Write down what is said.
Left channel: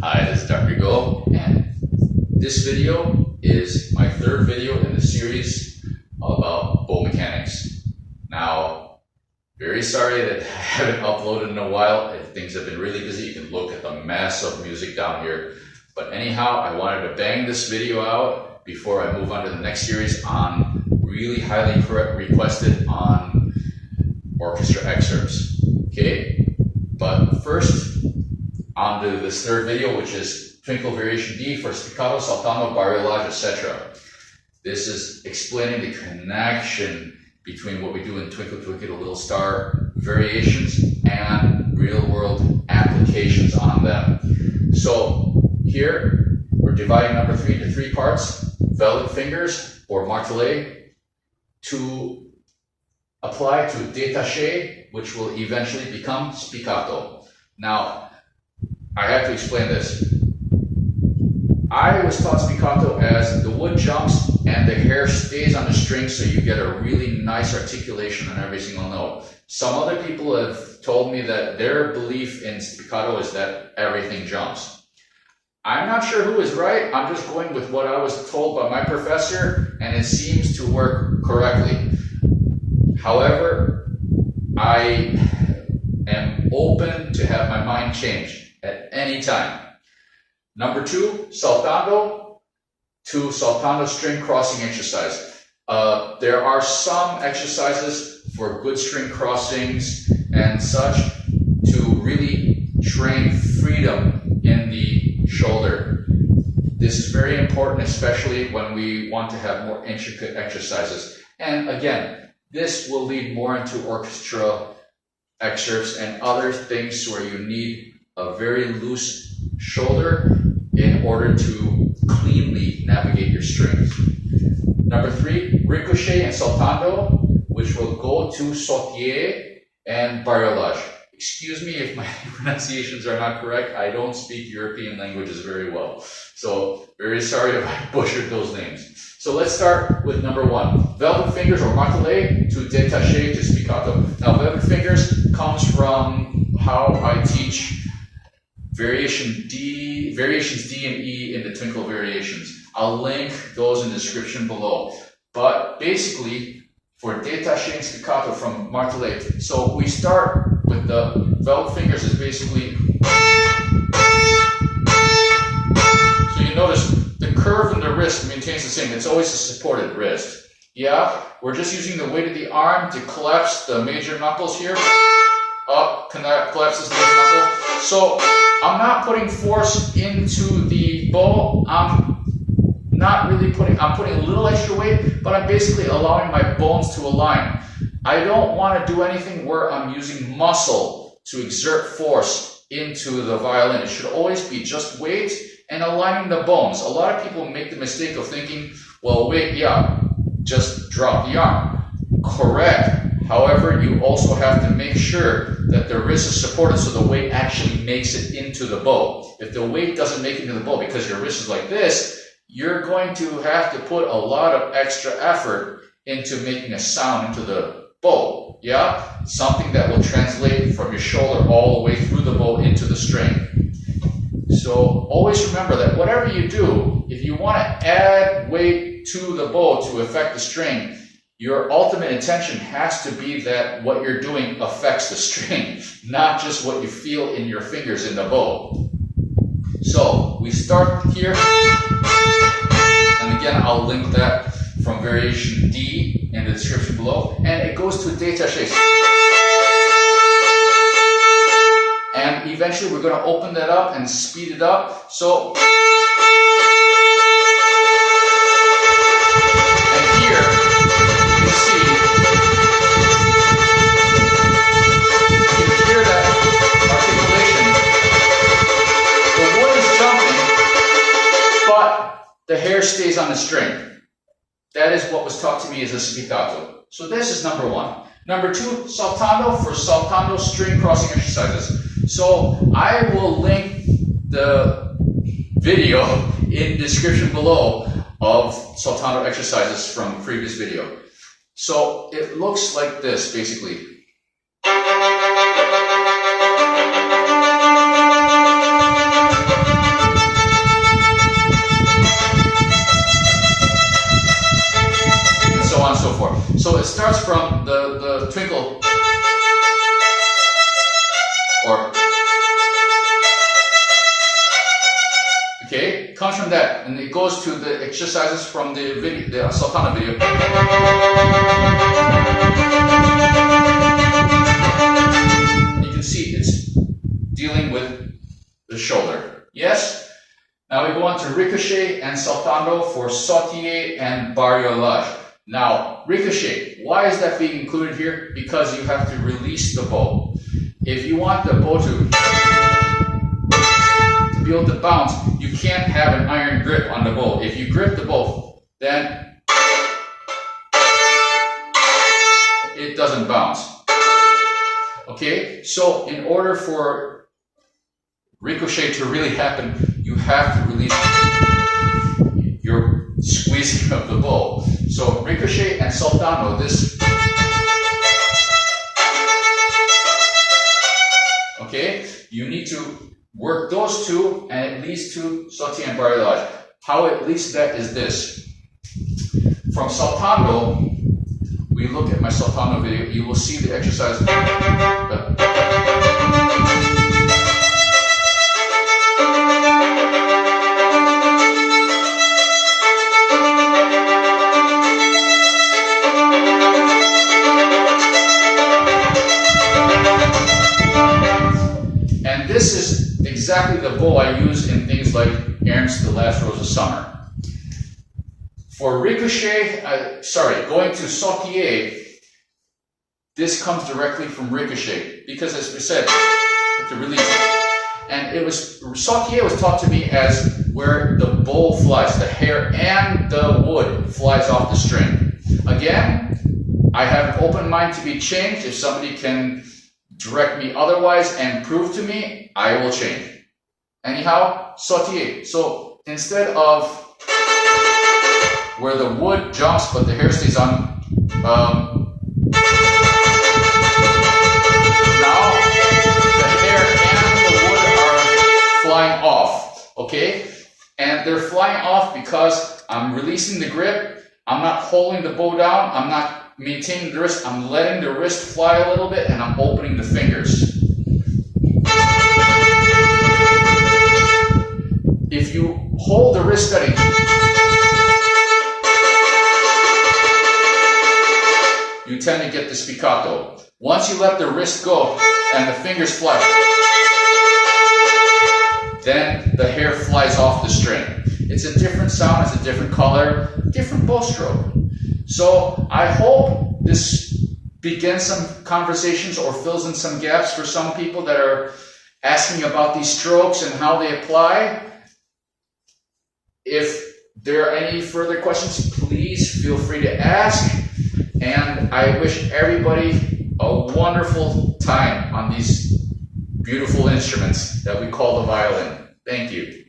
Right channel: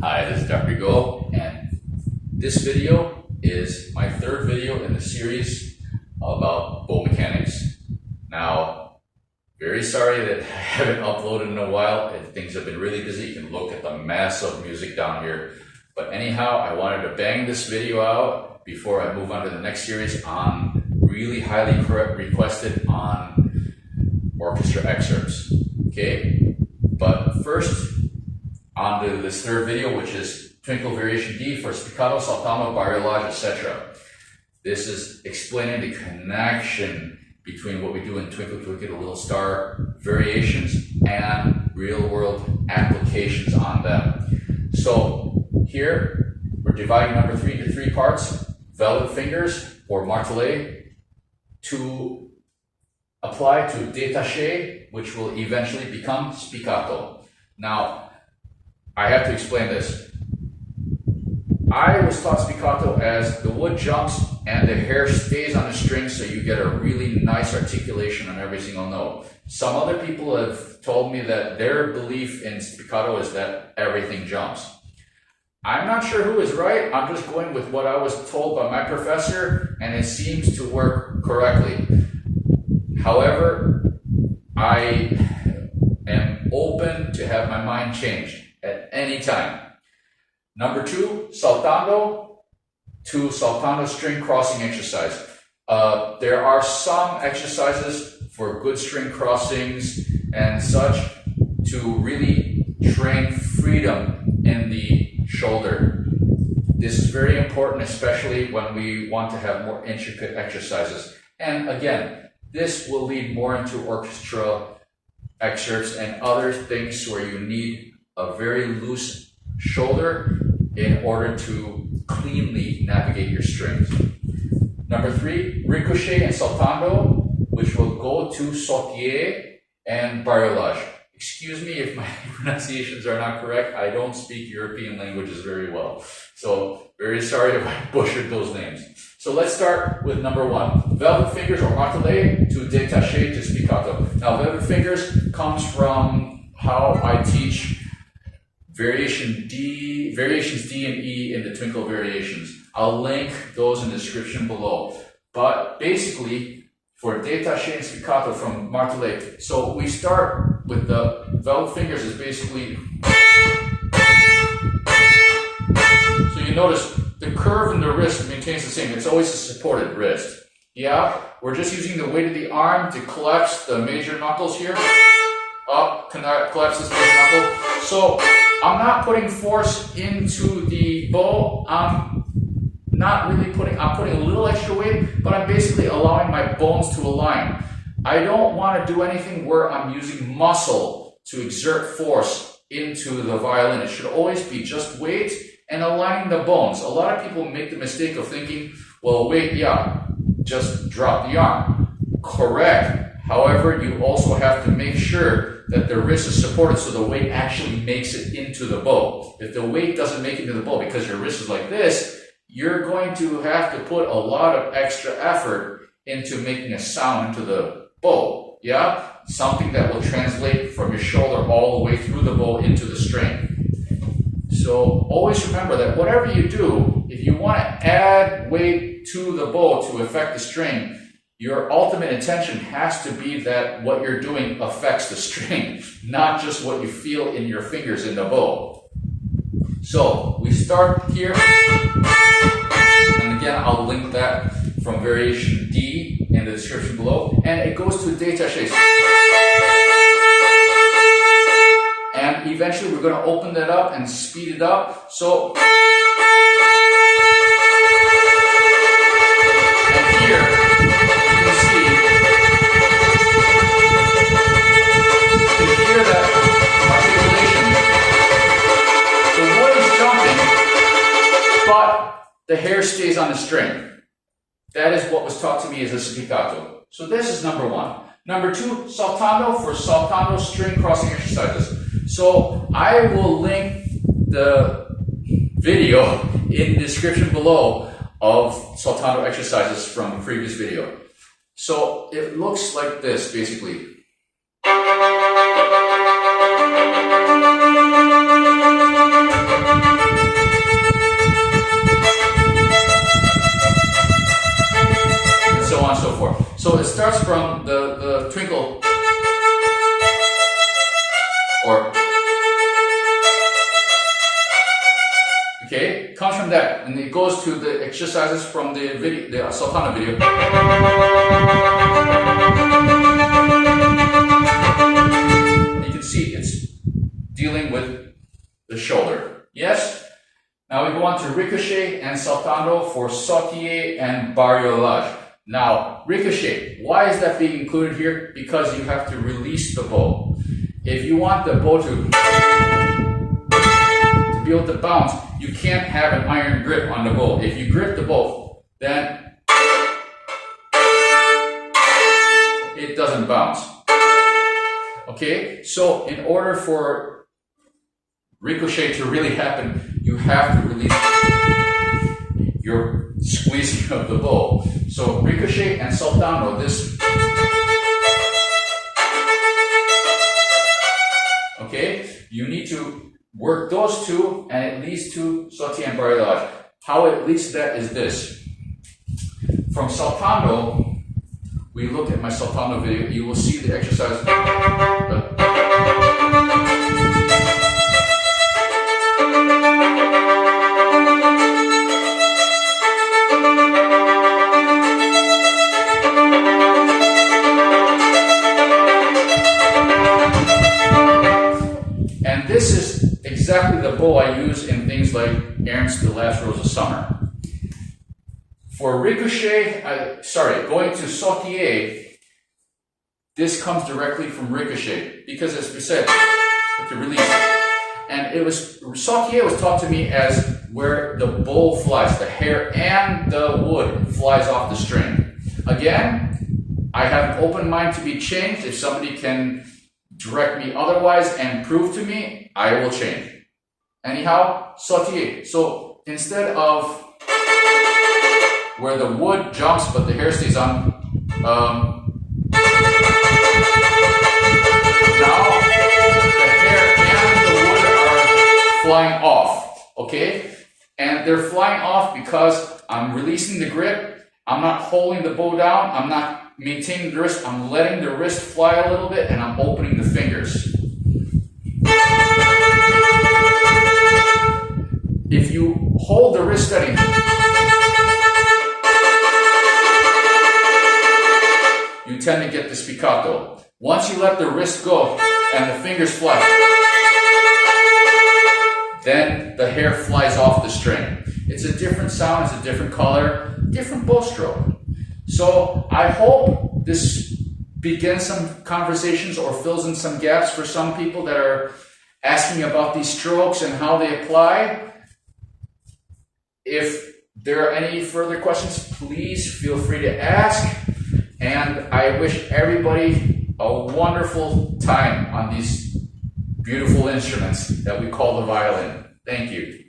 Hi, this is Dr. Go, and this video is my third video in the series about bow mechanics. Now, very sorry that I haven't uploaded in a while. Things have been really busy. You can look at the mess of music down here. But anyhow, I wanted to bang this video out before I move on to the next series on really highly requested on orchestra excerpts. Okay, but first, on to this third video, which is Twinkle Variation D for Spiccato, Saltando, Bariolage, etc. This is explaining the connection between what we do in Twinkle Twinkle Little Star variations and real-world applications on them. So here, we're dividing number 3 into 3 parts. Velvet fingers, or martelet, to apply to détaché, which will eventually become spiccato. Now, I have to explain this. I was taught spiccato as the wood jumps and the hair stays on the string, so you get a really nice articulation on every single note. Some other people have told me that their belief in spiccato is that everything jumps. I'm not sure who is right. I'm just going with what I was told by my professor, and it seems to work correctly. However, I am open to have my mind changed at any time. Number 2, saltando to saltando string crossing exercise. There are some exercises for good string crossings and such to really train freedom in the shoulder. This is very important, especially when we want to have more intricate exercises. And again, this will lead more into orchestra excerpts and other things where you need a very loose shoulder in order to cleanly navigate your strings. Number 3, Riccochet and Saltando, which will go to Sautille and Bariolage. Excuse me if my pronunciations are not correct. I don't speak European languages very well. So very sorry if I butchered those names. So let's start with number 1. Velvet fingers or martelet to détaché to spiccato. Now velvet fingers comes from how I teach variations D and E in the Twinkle variations. I'll link those in the description below. But basically, for détaché and spiccato from martelet, so we start with the velvet fingers is basically, so you notice the curve in the wrist maintains the same. It's always a supported wrist. Yeah, we're just using the weight of the arm to collapse the major knuckles here. Up, collapse this major knuckle. So I'm not putting force into the bow. I'm putting a little extra weight, but I'm basically allowing my bones to align. I don't want to do anything where I'm using muscle to exert force into the violin. It should always be just weight and aligning the bones. A lot of people make the mistake of thinking, well, wait, yeah, just drop the arm. Correct. However, you also have to make sure that the wrist is supported so the weight actually makes it into the bow. If the weight doesn't make it into the bow because your wrist is like this, you're going to have to put a lot of extra effort into making a sound into the bow. Yeah? Something that will translate from your shoulder all the way through the bow into the string. So always remember that whatever you do, if you want to add weight to the bow to affect the string, your ultimate intention has to be that what you're doing affects the string, not just what you feel in your fingers in the bow. So we start here, and again I'll link that from variation D in the description below, and it goes to détaché. And eventually we're going to open that up and speed it up. So, and here, you can see, you can hear that articulation. The wood is jumping, but the hair stays on the string. That is what was taught to me as a spiccato. So this is number 1. Number 2, saltando for saltando string crossing exercises. So I will link the video in the description below of saltando exercises from the previous video. So it looks like this basically. So it starts from the Twinkle, or okay, comes from that, and it goes to the exercises from the video, the Saltando video. You can see it's dealing with the shoulder. Yes? Now we go on to Ricochet and Saltando for Sautille and Bariolage. Now, Ricochet, why is that being included here? Because you have to release the bow. If you want the bow to be able to bounce, you can't have an iron grip on the bow. If you grip the bow, then it doesn't bounce. Okay, so in order for Ricochet to really happen, you have to release your squeezing of the bow. So Ricochet and Saltando, this. Okay, you need to work those two, and it leads to Sautille and Bariolage. How it leads to that is this. From Saltando, we look at my Saltando video, you will see the exercise. And this is exactly the bow I use in things like Errands to the Last Rose of Summer. For Ricochet, going to Sautille, this comes directly from Ricochet because, as we said, to release. And it was, Sautille was taught to me as where the bow flies, the hair and the wood flies off the string. Again, I have an open mind to be changed. If somebody can direct me otherwise and prove to me, I will change. Anyhow, Sautille. So instead of where the wood jumps but the hair stays on, now the hair and the wood are flying off, okay? And they're flying off because I'm releasing the grip, I'm not holding the bow down, I'm not maintaining the wrist, I'm letting the wrist fly a little bit, and I'm opening the fingers. If you hold the wrist steady, you tend to get the spiccato. Once you let the wrist go and the fingers fly, then the hair flies off the string. It's a different sound, it's a different color, different bow stroke. So I hope this begins some conversations or fills in some gaps for some people that are asking about these strokes and how they apply. If there are any further questions, please feel free to ask. And I wish everybody a wonderful time on these beautiful instruments that we call the violin. Thank you.